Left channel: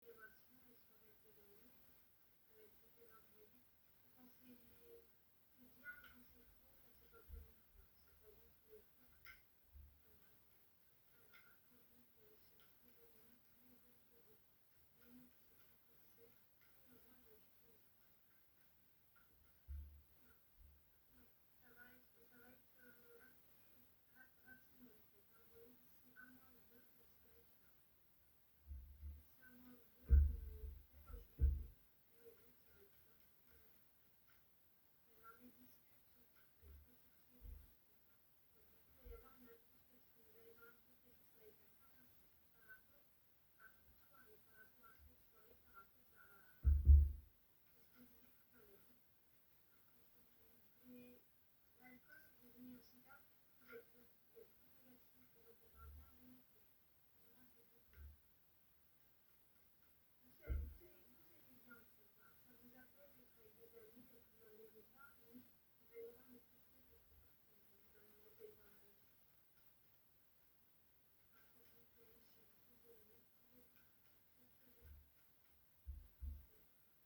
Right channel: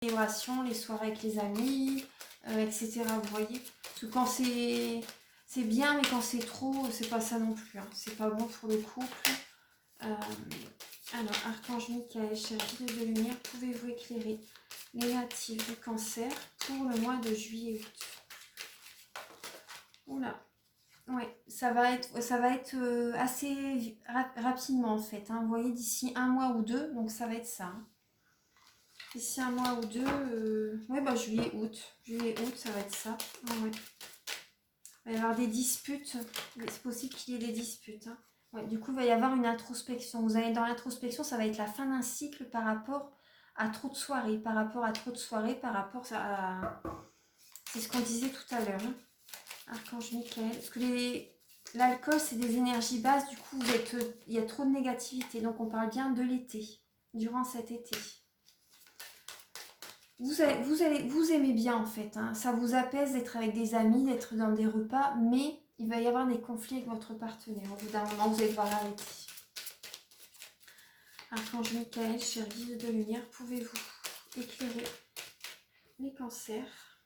célébrations, les soirées avec les amis, etc. Vous voyez? Parce que quand c'est bien, mais quand c'est trop, c'est pas ça non plus. Hein. C'est pas bon pour le couple. Alors, Archange Michael, cher guide de lumière, pouvez-vous éclairer les natifs du Cancer pour le mois de juillet-août? Oula, ouais, ça va être assez rapidement en fait. Hein. Vous voyez, d'ici un mois ou deux, donc ça va être ça. Hein. D'ici un mois ou deux, ouais, bah juillet-août. Juillet-août, ça va être ça. Ah, ouais. Il va y avoir des disputes. C'est possible qu'il y ait des disputes. Hein. Ouais, du coup, il va y avoir une introspection. Vous allez dans l'introspection, ça va être la fin d'un cycle par rapport à trop de soirées. Par rapport à à... C'est ce qu'on disait tout à l'heure. Hein. Archange Michael. Parce que l'alcool, c'est des énergies basses. Du coup, il y a trop de négativité. Donc, on parle bien de l'été. Durant cet été. Vous aimez bien en fait, hein. Ça vous apaise d'être avec des amis, d'être dans des repas, mais il va y avoir des conflits avec votre partenaire. Au bout d'un moment, vous allez devoir arrêter. Archange Michael, cher guide de lumière, pouvez-vous éclairer les cancers?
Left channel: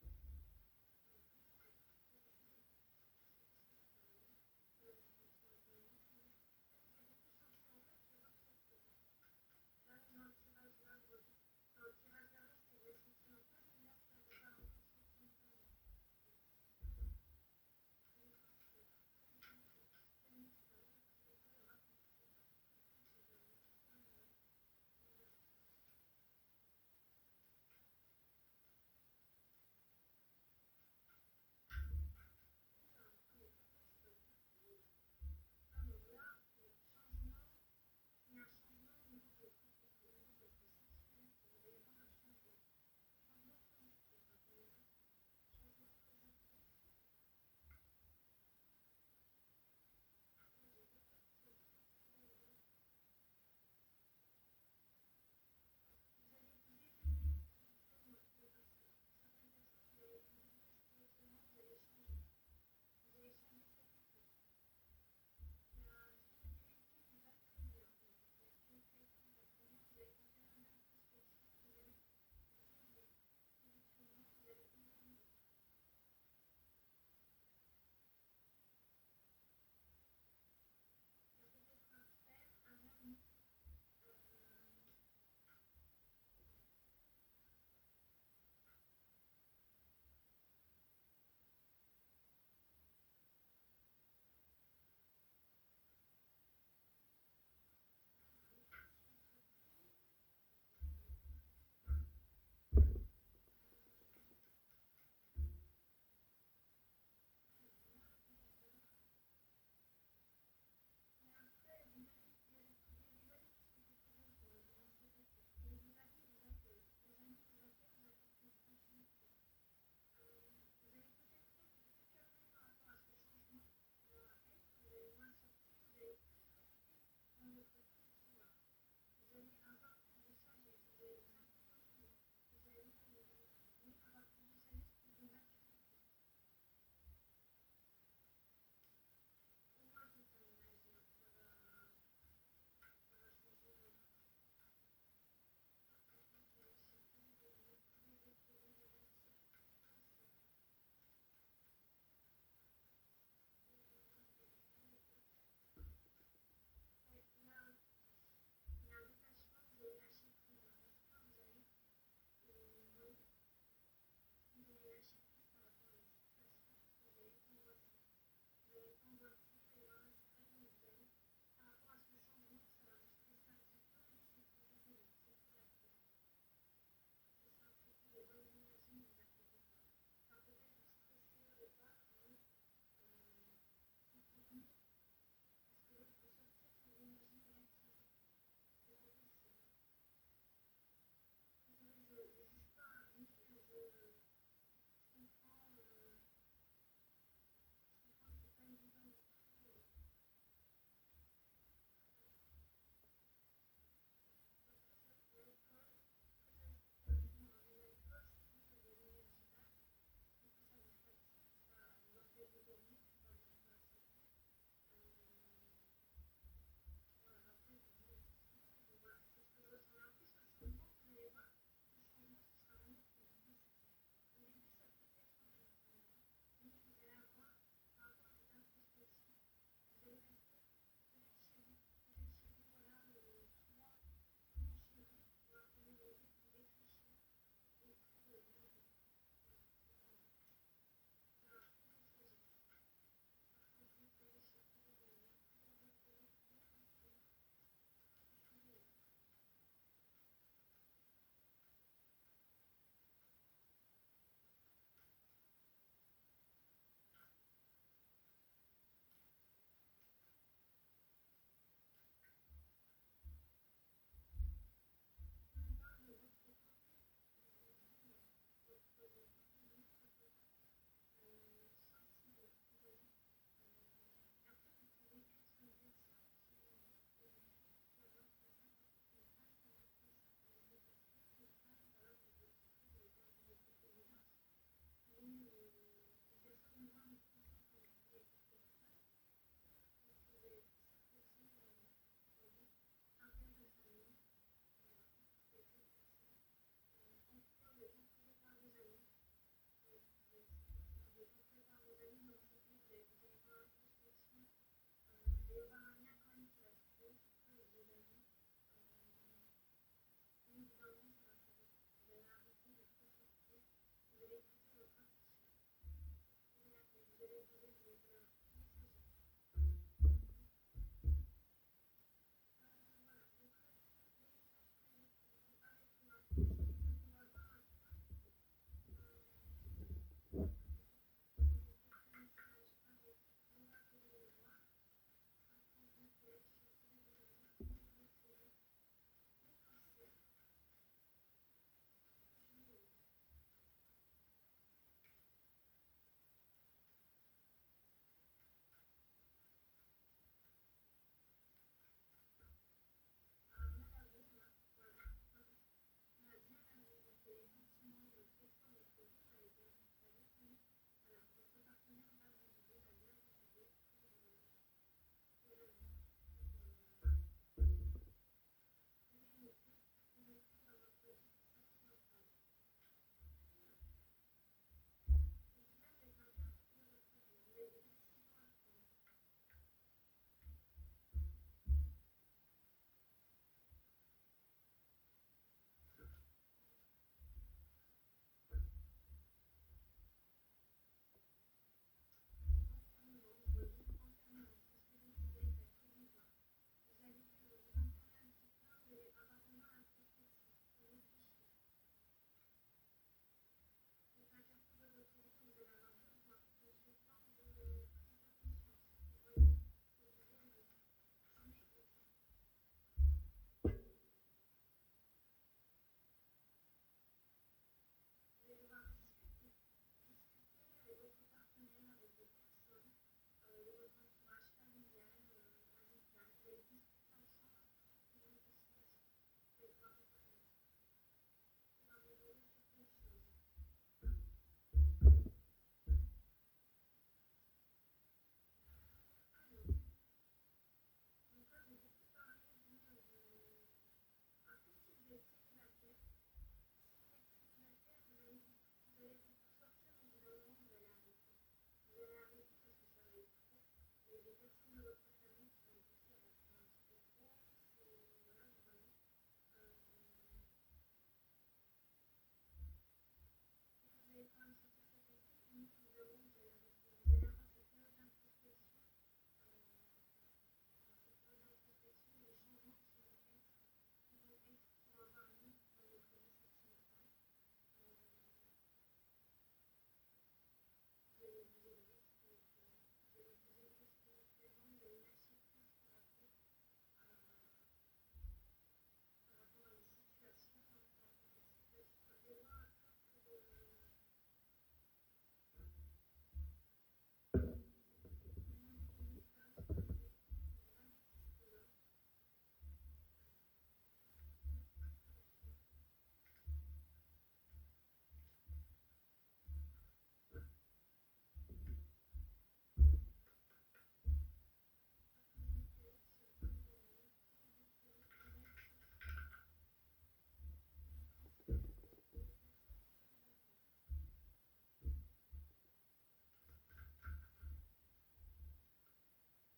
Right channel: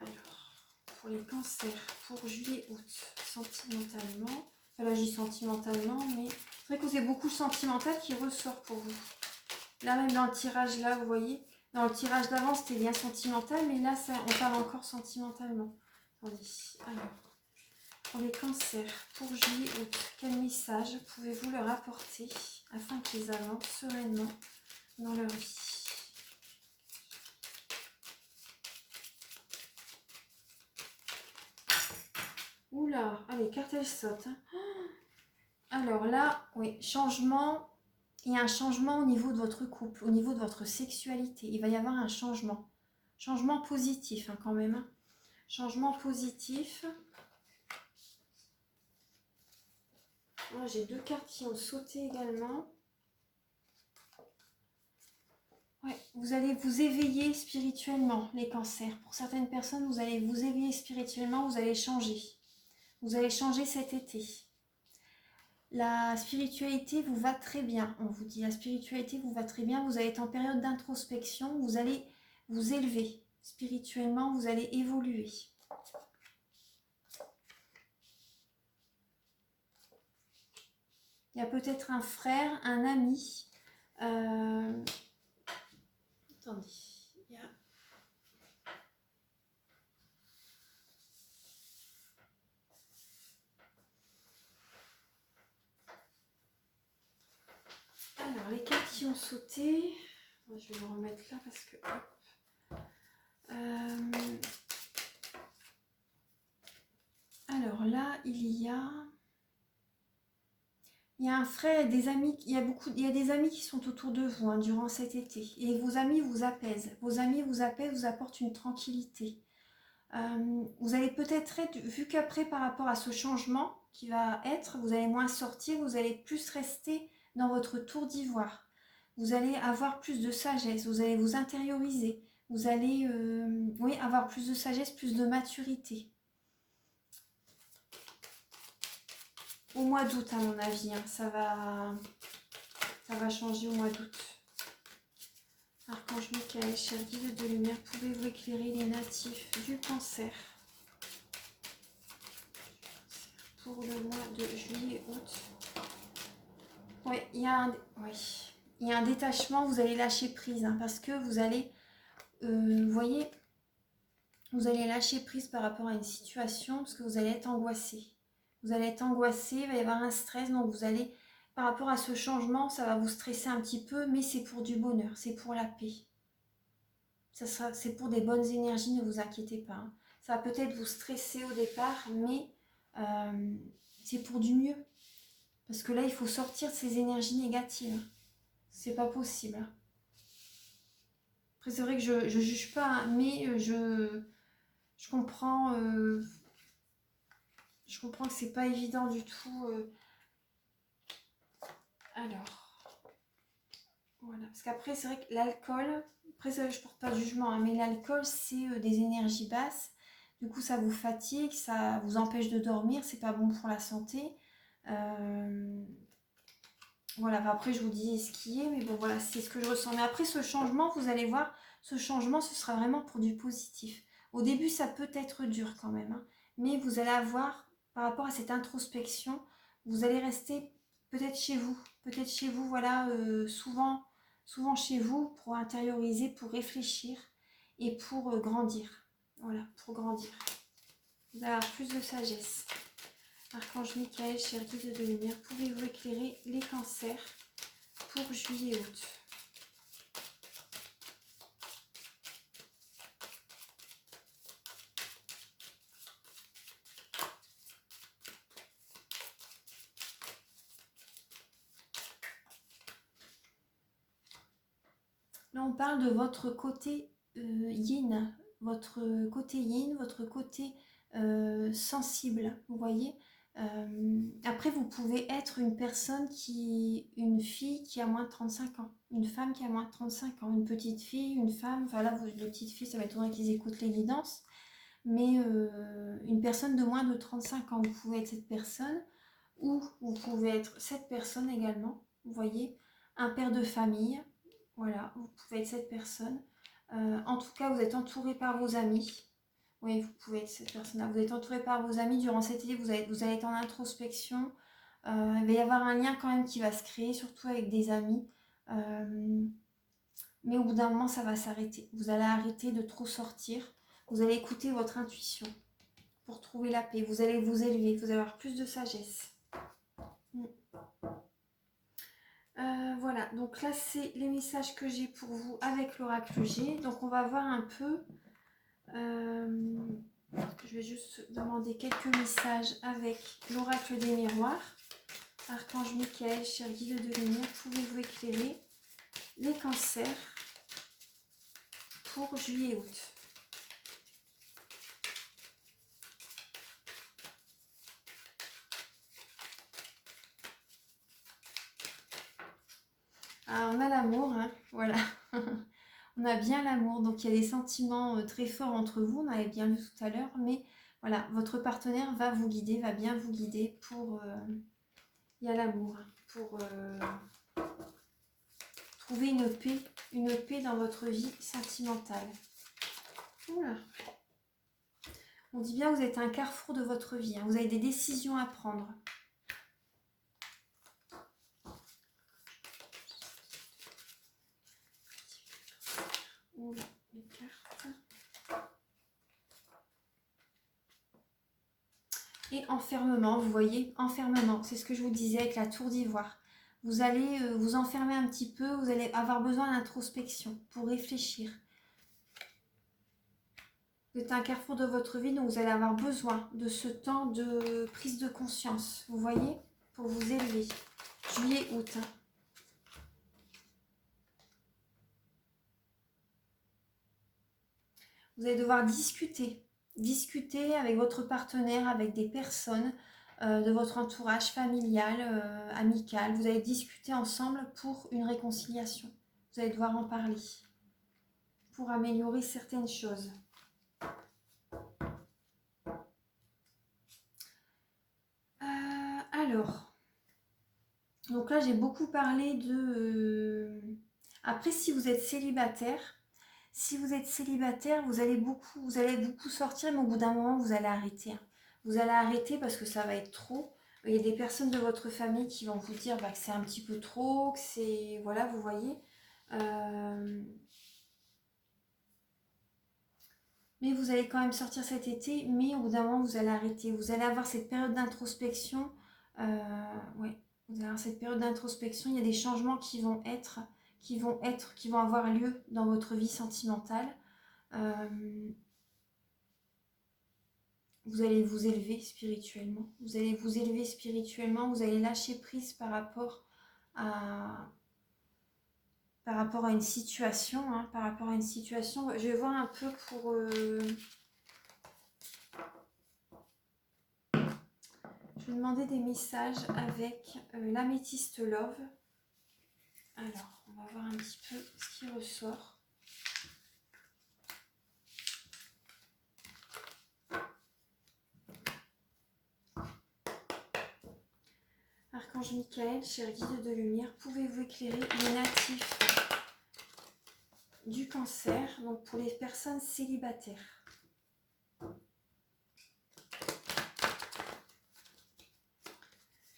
Alors, pour les cancers, pour juillet-août, sentimentalement, enfin là je dis sentimentalement, mais c'est vrai que c'est beaucoup le sentimental qui ressort pour vous. Là, même dans le tirage, là, vous voyez, dans le tirage d'avant, c'était bien sentimental, mais là, on parle encore sentimentalement. Attendez, alors, pour les cancers, pour juillet, août, quel message pouvez-vous leur apporter afin qu'ils avancent sereinement dans leur vie? Oula, allez, carte elle saute. Hein. Alors là, oui, changement. Il y a un changement au niveau de votre couple, au niveau de votre sexualité. Il va y avoir un changement. Changement positif hein, quand même. Hein. Changement positif. Moi, j'ai deux cartes qui ont sauté également. Ouais, vous allez vous éveiller spirituellement, les cancers. Pour certaines personnes, vous allez vous éveiller spirituellement, vous allez changer. Vous allez changer cet été. La spiritualité vous va très bien, on vous dit. La spiritualité vous va très bien. Vous allez être en période d'introspection. Vous allez vous élever spirituellement. Vous allez évoluer. Il y a peut-être un frère, un ami. Attendez. Il y a... Alors, les cartes qui ont sauté, je vais vous remettre là parce que... alors là, il y a un frère et des amis, il y a des amis qui sont autour de vous hein, durant cet été. Et vos amis vous apaisent. Vos amis vous apaisent, vous apportent une tranquillité. Vous allez peut-être être, vu qu'après par rapport à ce changement qui va être, vous allez moins sortir, vous allez plus rester dans votre tour d'ivoire. Vous allez avoir plus de sagesse, vous allez vous intérioriser, vous allez oui, avoir plus de sagesse, plus de maturité. Au mois d'août à mon avis, hein, ça va changer au mois d'août. Archange Michael, cher guide de lumière, pouvez-vous éclairer les natifs du Cancer pour le mois de juillet-août? Oui, il y a un détachement, vous allez lâcher prise, hein, parce que vous allez, vous voyez, vous allez lâcher prise par rapport à une situation, parce que vous allez être angoissé. Vous allez être angoissé, il va y avoir un stress, donc vous allez, par rapport à ce changement, ça va vous stresser un petit peu, mais c'est pour du bonheur, c'est pour la paix. C'est pour des bonnes énergies, ne vous inquiétez pas. Hein. Ça va peut-être vous stresser au départ, mais c'est pour du mieux. Parce que là, il faut sortir de ces énergies négatives. C'est pas possible. Après, c'est vrai que je juge pas, hein, mais je comprends. Je comprends que c'est pas évident du tout. Alors, voilà. Parce qu'après, c'est vrai que l'alcool, après, ça, je porte pas de jugement, hein, mais l'alcool, c'est des énergies basses. Du coup, ça vous fatigue, ça vous empêche de dormir, c'est pas bon pour la santé. Voilà, enfin, après je vous dis ce qui est, mais bon voilà, c'est ce que je ressens. Mais après ce changement, vous allez voir, ce changement, ce sera vraiment pour du positif. Au début, ça peut être dur quand même, hein, mais vous allez avoir, par rapport à cette introspection, vous allez rester peut-être chez vous, voilà, souvent chez vous pour intérioriser, pour réfléchir et pour grandir. Voilà, pour grandir. Vous allez avoir plus de sagesse. Archange Michael, cher guide de lumière, pouvez-vous éclairer les cancers pour juillet-août? Là, on parle de votre côté yin, votre côté sensible, vous voyez. Après, vous pouvez être une fille qui a moins de 35 ans, une femme qui a moins de 35 ans, une petite fille, une femme, enfin là, les petites filles, ça m'étonnerait qu'ils écoutent les guidances, mais une personne de moins de 35 ans, vous pouvez être cette personne, ou vous pouvez être cette personne également, vous voyez, un père de famille, voilà, vous pouvez être cette personne. En tout cas, vous êtes entouré par vos amis. Oui, vous pouvez être cette personne-là. Vous êtes entouré par vos amis durant cet été, vous allez être en introspection. Il va y avoir un lien quand même qui va se créer, surtout avec des amis. Mais au bout d'un moment, ça va s'arrêter. Vous allez arrêter de trop sortir. Vous allez écouter votre intuition pour trouver la paix. Vous allez vous élever, vous allez avoir plus de sagesse. Voilà, donc là c'est les messages que j'ai pour vous avec l'oracle G. Donc on va voir un peu, je vais juste demander quelques messages avec l'oracle des miroirs. Archange Michael, cher guide de lumière, pouvez-vous éclairer les cancers pour juillet-août? Ah, on a l'amour, hein, voilà. On a bien l'amour, donc il y a des sentiments très forts entre vous, on avait bien vu tout à l'heure, mais voilà, votre partenaire va vous guider, va bien vous guider pour... il y a l'amour, pour trouver une paix dans votre vie sentimentale. Voilà. On dit bien que vous êtes à un carrefour de votre vie, hein, vous avez des décisions à prendre. Oula, les cartes. Et enfermement, vous voyez, enfermement, c'est ce que je vous disais avec la tour d'ivoire. Vous allez vous enfermer un petit peu, vous allez avoir besoin d'introspection pour réfléchir. Vous êtes à un carrefour de votre vie, donc vous allez avoir besoin de ce temps de prise de conscience, vous voyez, pour vous élever. Juillet, août. Vous allez devoir discuter avec votre partenaire, avec des personnes de votre entourage familial, amical. Vous allez discuter ensemble pour une réconciliation. Vous allez devoir en parler pour améliorer certaines choses. Alors, donc là j'ai beaucoup parlé de... Après, si vous êtes célibataire, vous allez beaucoup sortir, mais au bout d'un moment, vous allez arrêter. Hein. Vous allez arrêter parce que ça va être trop. Il y a des personnes de votre famille qui vont vous dire que c'est un petit peu trop, que c'est... Voilà, vous voyez. Mais vous allez quand même sortir cet été, mais au bout d'un moment, vous allez arrêter. Vous allez avoir cette période d'introspection. Ouais, vous allez avoir cette période d'introspection. Il y a des changements qui vont avoir lieu dans votre vie sentimentale. Vous allez vous élever spirituellement. Vous allez vous élever spirituellement. Vous allez lâcher prise par rapport à une situation. Hein, par rapport à une situation. Je vais voir un peu pour... Je vais demander des messages avec l'améthyste love. Alors, on va voir un petit peu ce qui ressort. Archange Michael, cher guide de lumière, pouvez-vous éclairer les natifs du cancer, donc pour les personnes célibataires?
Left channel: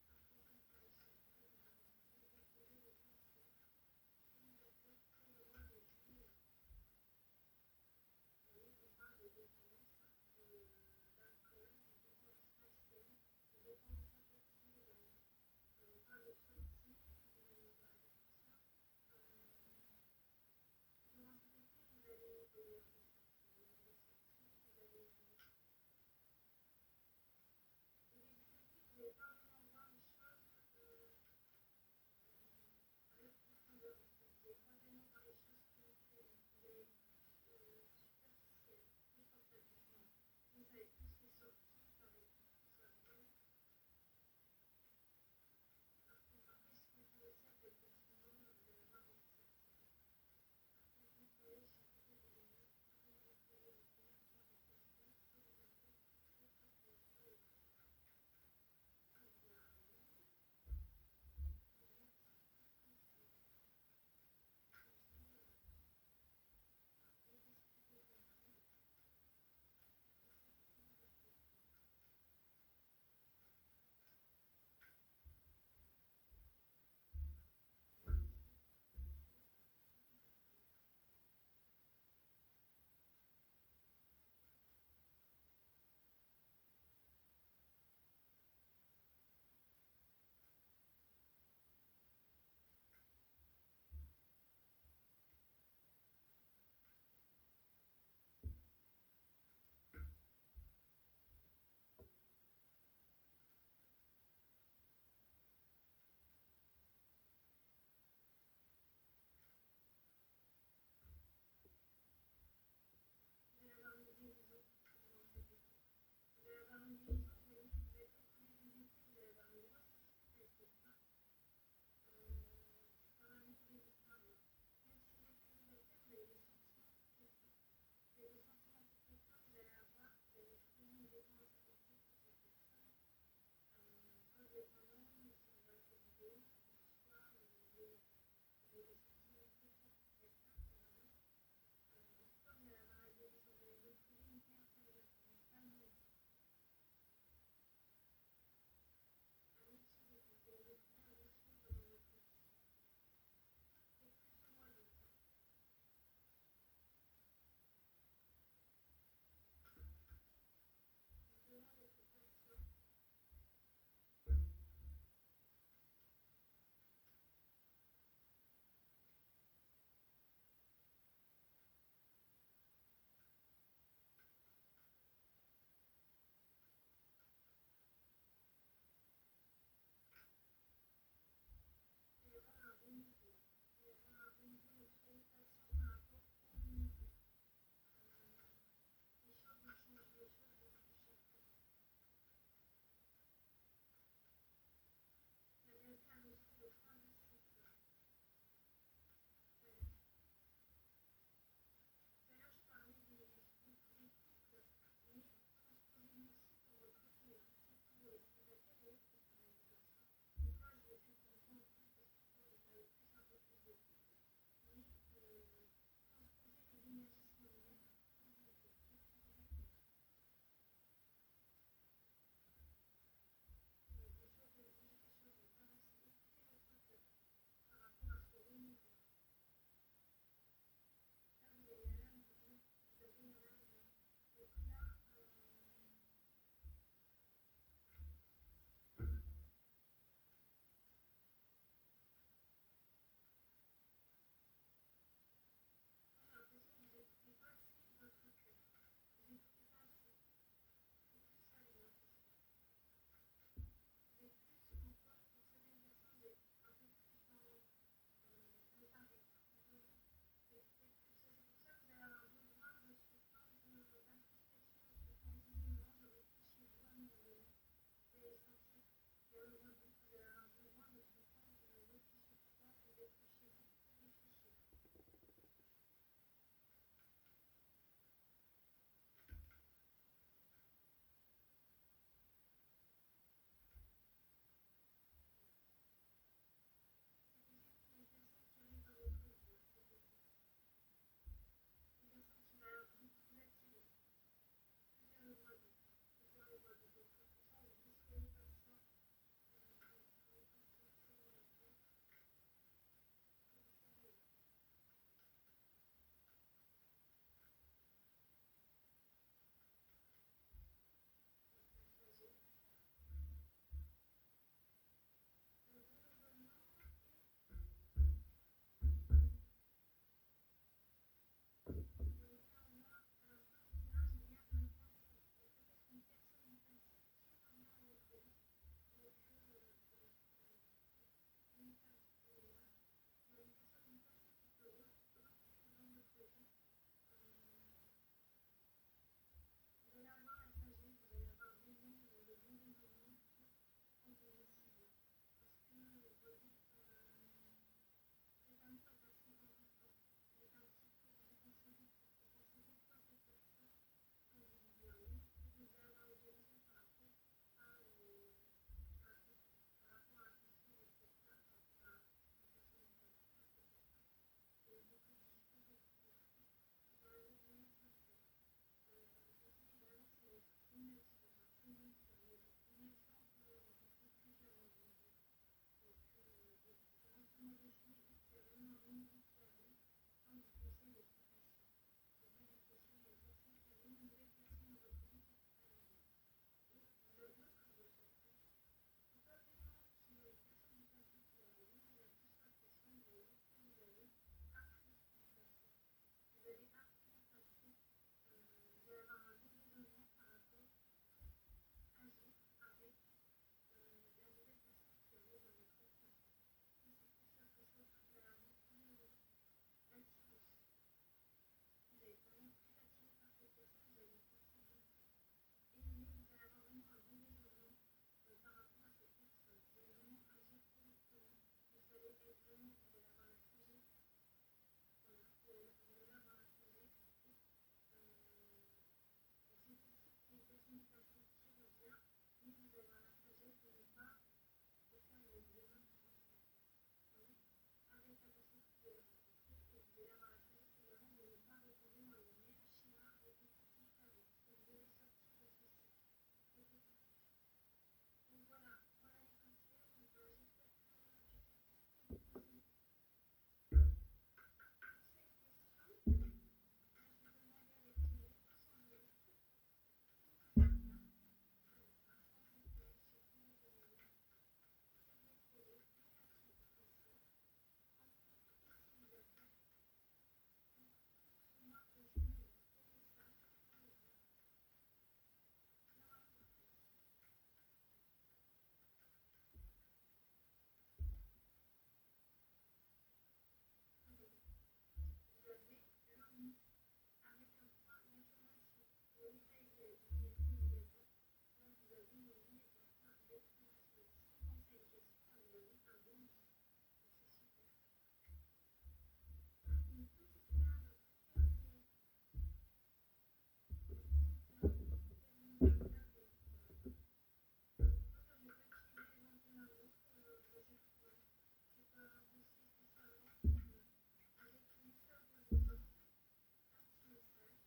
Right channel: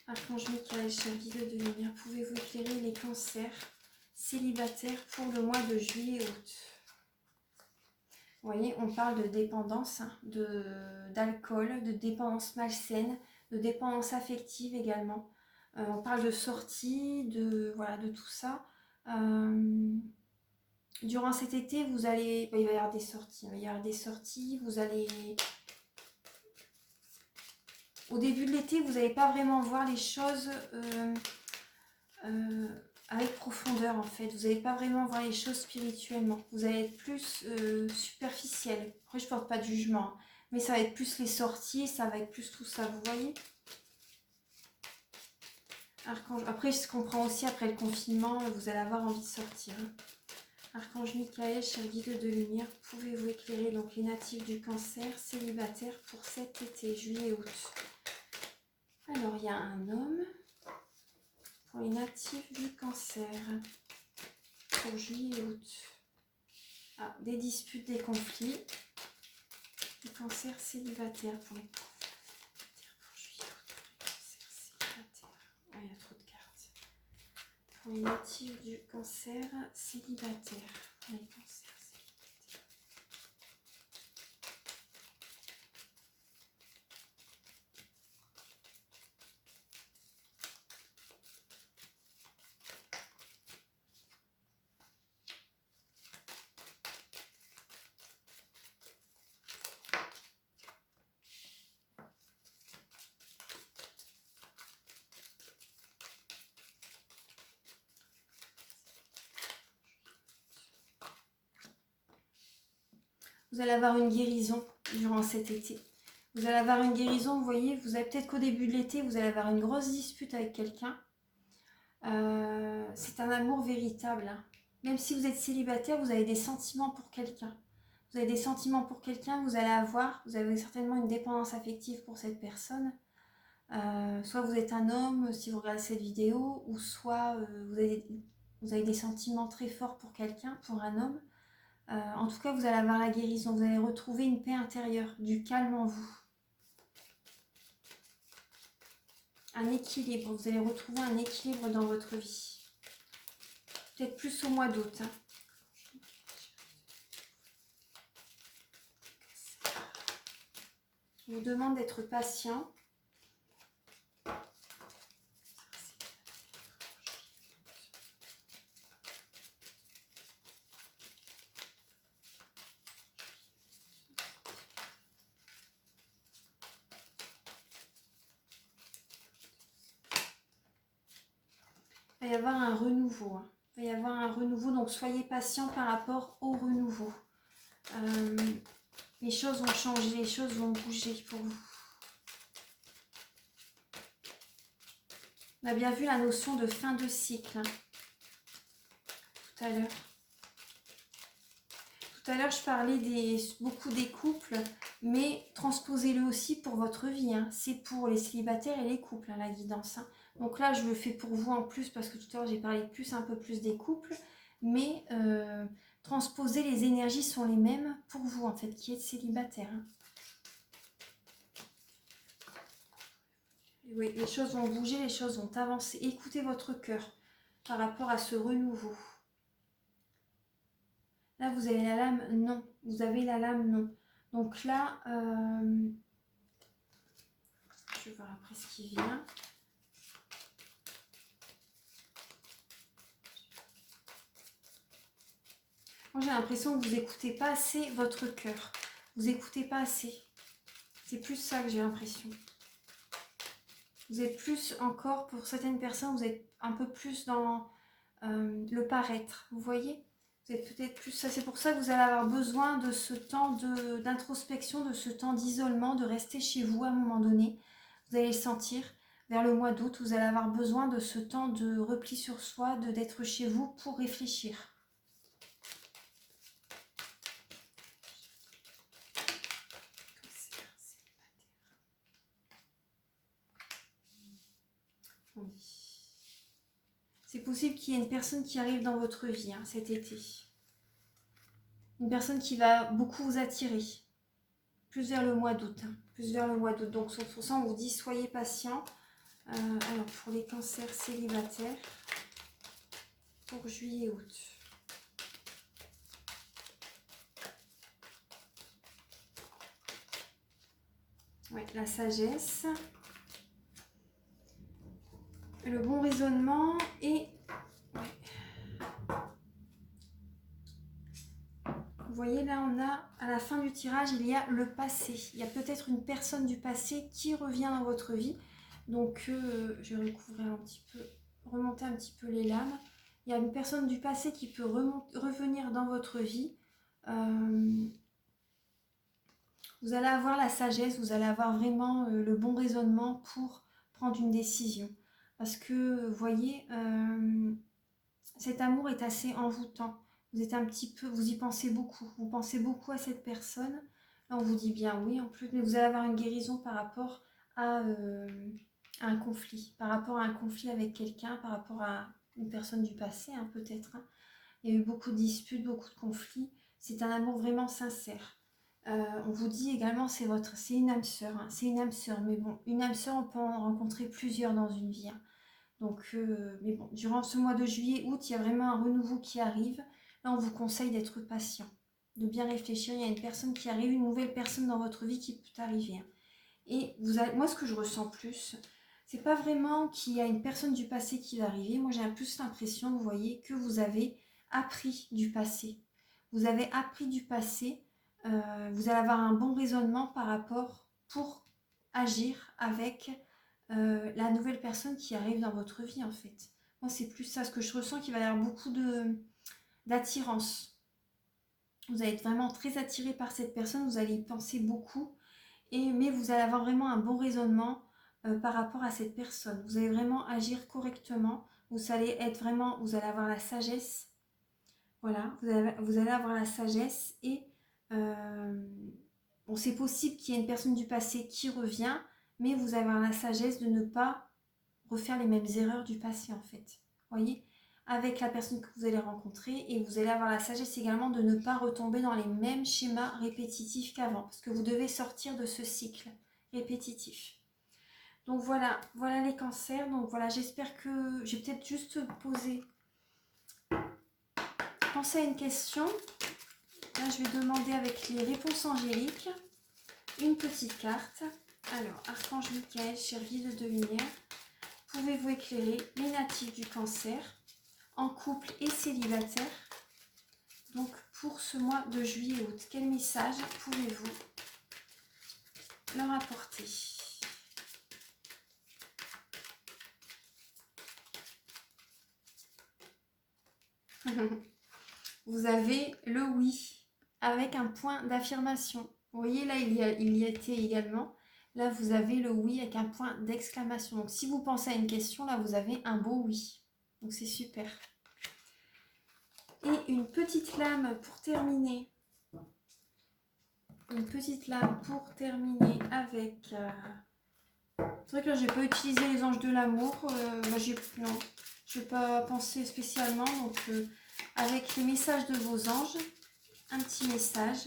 Archange Michael, cher guide de lumière, pouvez-vous éclairer les cancers célibataires pour le mois de juillet-août? Vous voyez, on parle de dépendance, hein, d'alcool, de dépendance malsaine, de dépendance affective également. On parle de sortie, voilà, de tout ça. Durant cet été, il va y avoir des sorties. Il va y avoir des sorties, vous allez... Au début de l'été, vous n'allez pas vraiment voir les choses avec profondeur en fait. Vous n'allez pas vraiment voir les choses spirituellement. Vous allez être plus superficiel. Après, je ne porte pas de jugement, hein, mais ça va être plus les sorties, ça va être plus tout ça, vous voyez. Archange... Après, je comprends aussi, après le confinement, vous allez avoir envie de sortir. Hein. Archange Michael, cher guide de lumière, pouvez-vous éclairer donc les natifs du cancer célibataire pour cet été, juillet-août? Alors, il y a un homme pour les natifs du cancer pour juillet-août. Ah, des disputes, des conflits. Le cancer célibataire pour les il y a trop de cartes. Pour les natifs du cancer célibataire. Les cancers célibataires. Vous allez avoir une guérison durant cet été. Vous allez avoir une guérison, vous voyez, vous avez peut-être qu'au début de l'été, vous allez avoir une grosse dispute avec quelqu'un. C'est un amour véritable. Hein. Même si vous êtes célibataire, vous avez des sentiments pour quelqu'un. Vous avez des sentiments pour quelqu'un, vous avez certainement une dépendance affective pour cette personne. Soit vous êtes un homme, si vous regardez cette vidéo, ou soit vous avez des sentiments très forts pour quelqu'un, pour un homme. En tout cas, vous allez avoir la guérison, vous allez retrouver une paix intérieure, du calme en vous. Un équilibre, vous allez retrouver un équilibre dans votre vie. Peut-être plus au mois d'août. Hein. Je vous demande d'être patient. Il va y avoir un renouveau. Hein. Il va y avoir un renouveau, donc soyez patient par rapport au renouveau. Les choses vont changer, les choses vont bouger pour vous. On a bien vu la notion de fin de cycle hein, tout à l'heure. Tout à l'heure, je parlais beaucoup des couples, mais transposez-le aussi pour votre vie. Hein. C'est pour les célibataires et les couples, hein, la guidance. Hein. Donc là, je le fais pour vous en plus, parce que tout à l'heure, j'ai parlé un peu plus des couples. Mais transposer, les énergies sont les mêmes pour vous, en fait, qui êtes célibataire. Hein. Oui, les choses vont bouger, les choses vont avancer. Écoutez votre cœur par rapport à ce renouveau. Là, vous avez la lame non. Vous avez la lame non. Donc là, je vais voir après ce qui vient. Moi, j'ai l'impression que vous n'écoutez pas assez votre cœur. Vous n'écoutez pas assez. C'est plus ça que j'ai l'impression. Vous êtes plus encore, pour certaines personnes, vous êtes un peu plus dans le paraître. Vous voyez ? Vous êtes peut-être plus ça. C'est pour ça que vous allez avoir besoin de ce temps d'introspection, de ce temps d'isolement, de rester chez vous à un moment donné. Vous allez le sentir. Vers le mois d'août, vous allez avoir besoin de ce temps de repli sur soi, d'être chez vous pour réfléchir. Oui. C'est possible qu'il y ait une personne qui arrive dans votre vie hein, cet été. Une personne qui va beaucoup vous attirer. Plus vers le mois d'août. Hein, plus vers le mois d'août. Donc sur ça, on vous dit soyez patient. Alors pour les cancers célibataires, pour juillet-août. Ouais, la sagesse. Le bon raisonnement et... Vous voyez là, on a à la fin du tirage, il y a le passé. Il y a peut-être une personne du passé qui revient dans votre vie. Donc, je vais recouvrir un petit peu, remonter un petit peu les lames. Il y a une personne du passé qui peut revenir dans votre vie. Vous allez avoir la sagesse, vous allez avoir vraiment le bon raisonnement pour prendre une décision. Parce que, vous voyez, cet amour est assez envoûtant. Vous êtes un petit peu, vous y pensez beaucoup. Vous pensez beaucoup à cette personne. Là, on vous dit bien oui en plus, mais vous allez avoir une guérison par rapport à un conflit. Par rapport à un conflit avec quelqu'un, par rapport à une personne du passé, hein, peut-être. Hein. Il y a eu beaucoup de disputes, beaucoup de conflits. C'est un amour vraiment sincère. On vous dit également c'est une âme sœur. Hein. C'est une âme sœur, mais bon, une âme sœur, on peut en rencontrer plusieurs dans une vie. Hein. Donc, mais bon, durant ce mois de juillet, août, il y a vraiment un renouveau qui arrive. Là, on vous conseille d'être patient, de bien réfléchir. Il y a une personne qui arrive, une nouvelle personne dans votre vie qui peut arriver. Hein. Et moi, ce que je ressens plus, c'est pas vraiment qu'il y a une personne du passé qui va arriver. Moi, j'ai plus l'impression, vous voyez, que vous avez appris du passé. Vous avez appris du passé. Vous allez avoir un bon raisonnement par rapport pour agir avec la nouvelle personne qui arrive dans votre vie, en fait. Moi, c'est plus ça, ce que je ressens, qu'il va y avoir beaucoup d'attirance. Vous allez être vraiment très attiré par cette personne, vous allez y penser beaucoup, mais vous allez avoir vraiment un bon raisonnement par rapport à cette personne. Vous allez vraiment agir correctement, vous allez avoir la sagesse, voilà, vous allez avoir la sagesse et bon, c'est possible qu'il y ait une personne du passé qui revient, mais vous avez la sagesse de ne pas refaire les mêmes erreurs du passé en fait. Voyez, avec la personne que vous allez rencontrer, et vous allez avoir la sagesse également de ne pas retomber dans les mêmes schémas répétitifs qu'avant, parce que vous devez sortir de ce cycle répétitif. Donc voilà les cancers. Donc voilà, j'espère que j'ai peut-être juste posé. Pensez à une question. Là, je vais demander avec les réponses angéliques une petite carte. Alors, Archange Michael, cher guide de lumière, pouvez-vous éclairer les natifs du cancer, en couple et célibataire, donc pour ce mois de juillet-août? Quel message pouvez-vous leur apporter? Vous avez le oui avec un point d'affirmation. Vous voyez là, il y était également. Là, vous avez le oui avec un point d'exclamation. Donc, si vous pensez à une question, là, vous avez un beau oui. Donc, c'est super. Et une petite lame pour terminer. Une petite lame pour terminer avec... C'est vrai que là, je n'ai pas utilisé les anges de l'amour. Non, je n'ai pas pensé spécialement. Donc, avec les messages de vos anges, un petit message.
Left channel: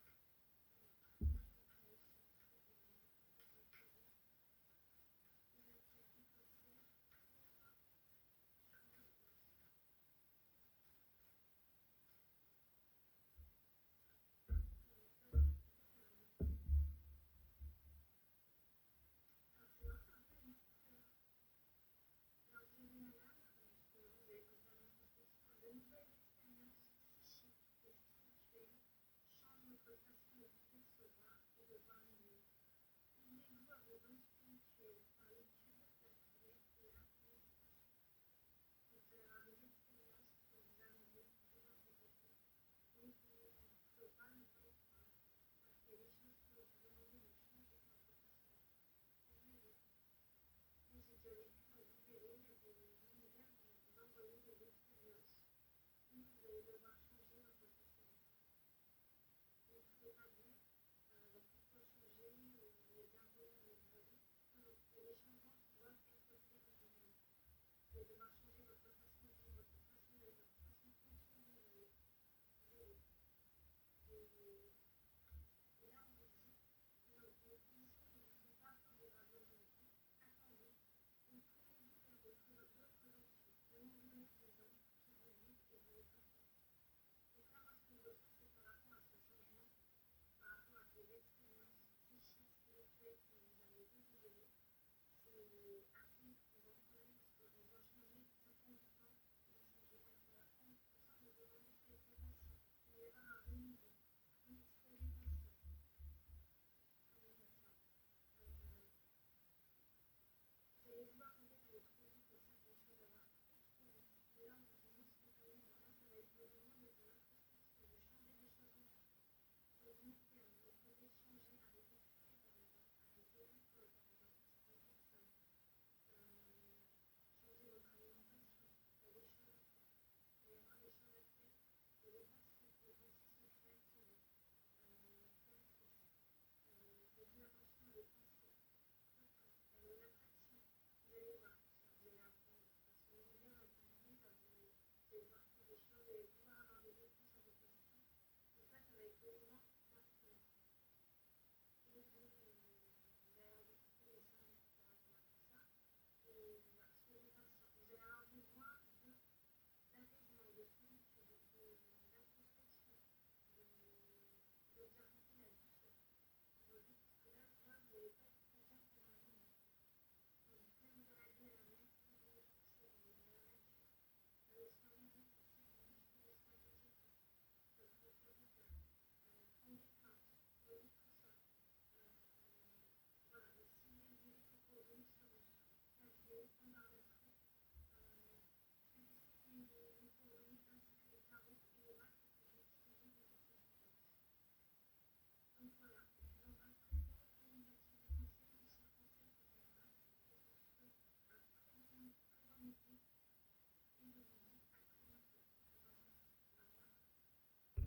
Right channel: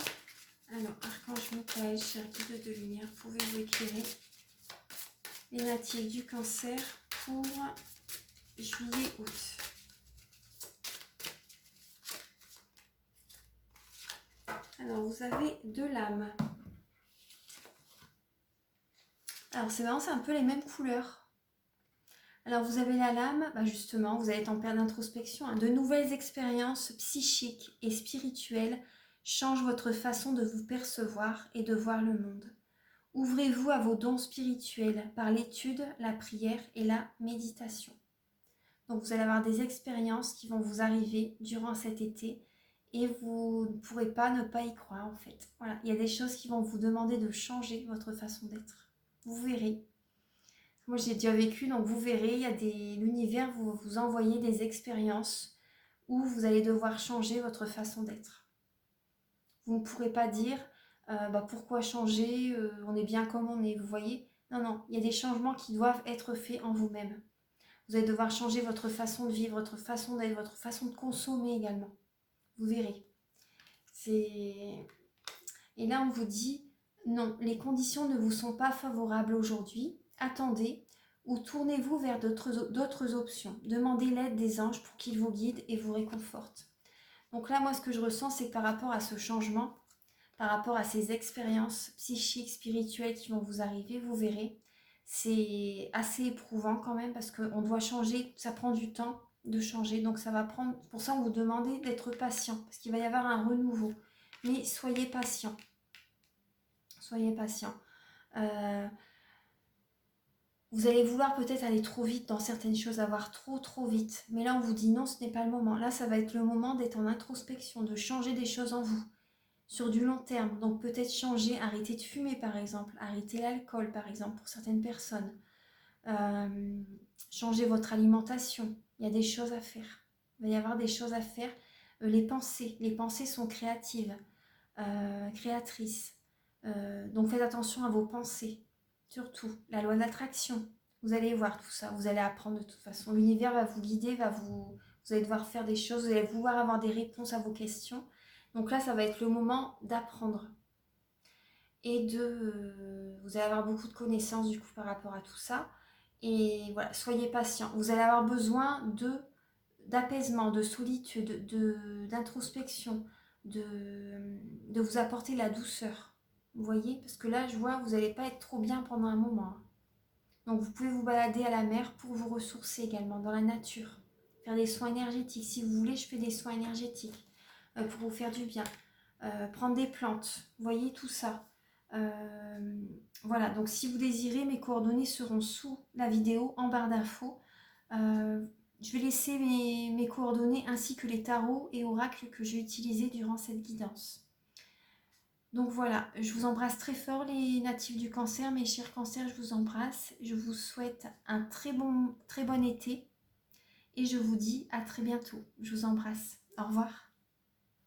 Alors, Archange Michael, cher guide de lumière, pouvez-vous éclairer les natifs du cancer pour juillet-août? Alors, vous avez deux lames. Alors, c'est vraiment, c'est un peu les mêmes couleurs. Alors, vous avez la lame, justement, vous allez être en période d'introspection. Hein, de nouvelles expériences psychiques et spirituelles changent votre façon de vous percevoir et de voir le monde. Ouvrez-vous à vos dons spirituels par l'étude, la prière et la méditation. Donc, vous allez avoir des expériences qui vont vous arriver durant cet été et vous ne pourrez pas ne pas y croire en fait. Voilà, il y a des choses qui vont vous demander de changer votre façon d'être. Vous verrez. Moi, j'ai déjà vécu, donc vous verrez, il y a l'univers vous envoyez des expériences où vous allez devoir changer votre façon d'être. Vous ne pourrez pas dire pourquoi changer, on est bien comme on est, vous voyez. Non, il y a des changements qui doivent être faits en vous-même. Vous allez devoir changer votre façon de vivre, votre façon d'être, votre façon de consommer également. Vous verrez. Et là, on vous dit, non, les conditions ne vous sont pas favorables aujourd'hui. Attendez ou tournez-vous vers d'autres options. Demandez l'aide des anges pour qu'ils vous guident et vous réconfortent. Donc là, moi, ce que je ressens, c'est que par rapport à ce changement, par rapport à ces expériences psychiques, spirituelles qui vont vous arriver, vous verrez, c'est assez éprouvant quand même parce qu'on doit changer, ça prend du temps de changer, donc ça va prendre, pour ça on vous demande d'être patient, parce qu'il va y avoir un renouveau, mais soyez patient, soyez patient. Vous allez vouloir peut-être aller trop vite dans certaines choses, avoir trop vite, mais là on vous dit non, ce n'est pas le moment, là ça va être le moment d'être en introspection, de changer des choses en vous, sur du long terme, donc peut-être changer, arrêter de fumer par exemple, arrêter l'alcool par exemple pour certaines personnes, changer votre alimentation, il y a des choses à faire, il va y avoir des choses à faire. Les pensées sont créatives, créatrices, donc faites attention à vos pensées, surtout la loi d'attraction, vous allez voir tout ça, vous allez apprendre de toute façon, l'univers va vous guider, vous allez devoir faire des choses, vous allez vouloir avoir des réponses à vos questions, donc là ça va être le moment d'apprendre et vous allez avoir beaucoup de connaissances du coup par rapport à tout ça. Et voilà, soyez patient. Vous allez avoir besoin d'apaisement, de solitude, d'introspection, de vous apporter la douceur. Vous voyez? Parce que là, je vois, vous n'allez pas être trop bien pendant un moment. Donc, vous pouvez vous balader à la mer pour vous ressourcer également, dans la nature. Faire des soins énergétiques. Si vous voulez, je fais des soins énergétiques pour vous faire du bien. Prendre des plantes. Vous voyez tout ça. Voilà, donc si vous désirez, mes coordonnées seront sous la vidéo, en barre d'infos. Je vais laisser mes coordonnées ainsi que les tarots et oracles que j'ai utilisés durant cette guidance. Donc voilà, je vous embrasse très fort les natifs du Cancer, mes chers cancers, je vous embrasse. Je vous souhaite un très bon été et je vous dis à très bientôt. Je vous embrasse. Au revoir.